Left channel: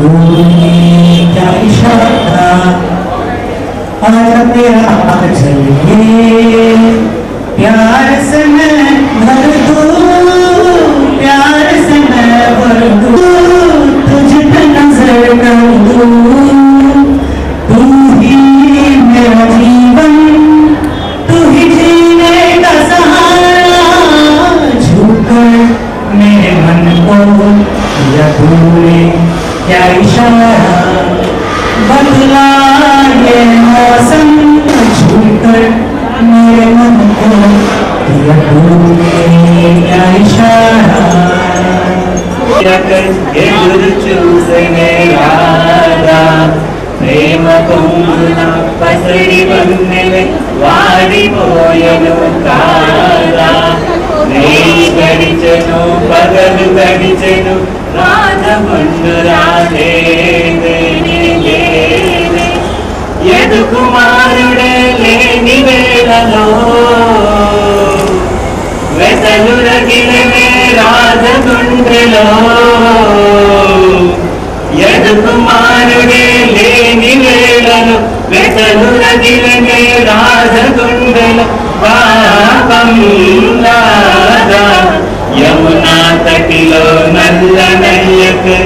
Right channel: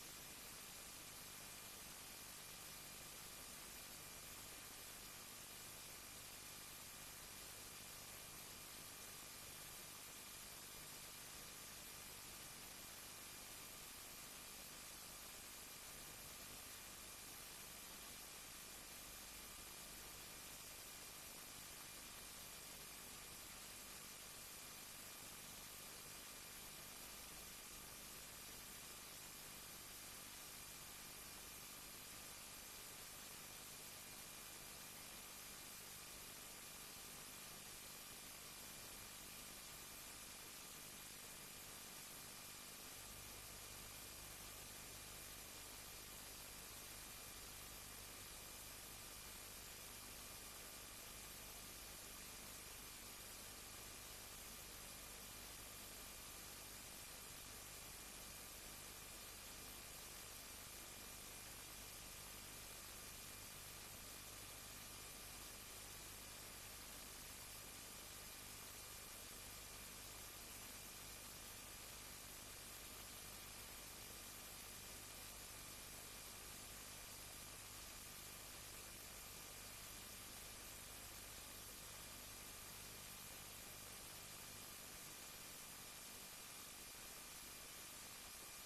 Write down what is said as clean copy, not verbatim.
क्या इशारा आज तेरा हाथ चलिए प्यार से मैं भर दूं प्यार से मैं भर दूं तुझ पे नजर कर दूं तू ही मेरा जीवन तू ही जीने का सहारा झूकर मेरे मन को या तूने क्या इशारा बदला ये मौसम झूकर मेरे मन को या तूने क्या इशारा ఎదురు చూసనే రాదా ప్రేమ పొంగున పసడి వన్నెలే వాడిపోయను కాదా రేయి గడిచెను పగలు గడిచెను రాజమండు రాలేదే ఎదు కుమారుడే లేని వేళలో వెతలు రగిలనే రాజగుండెలో ఎదు కుమారుడే లేని వేళలో వెతలు రగిలనే రాజగుండెలో పాపం రాదా యమునా తటిలో నల్ల నయ్యకు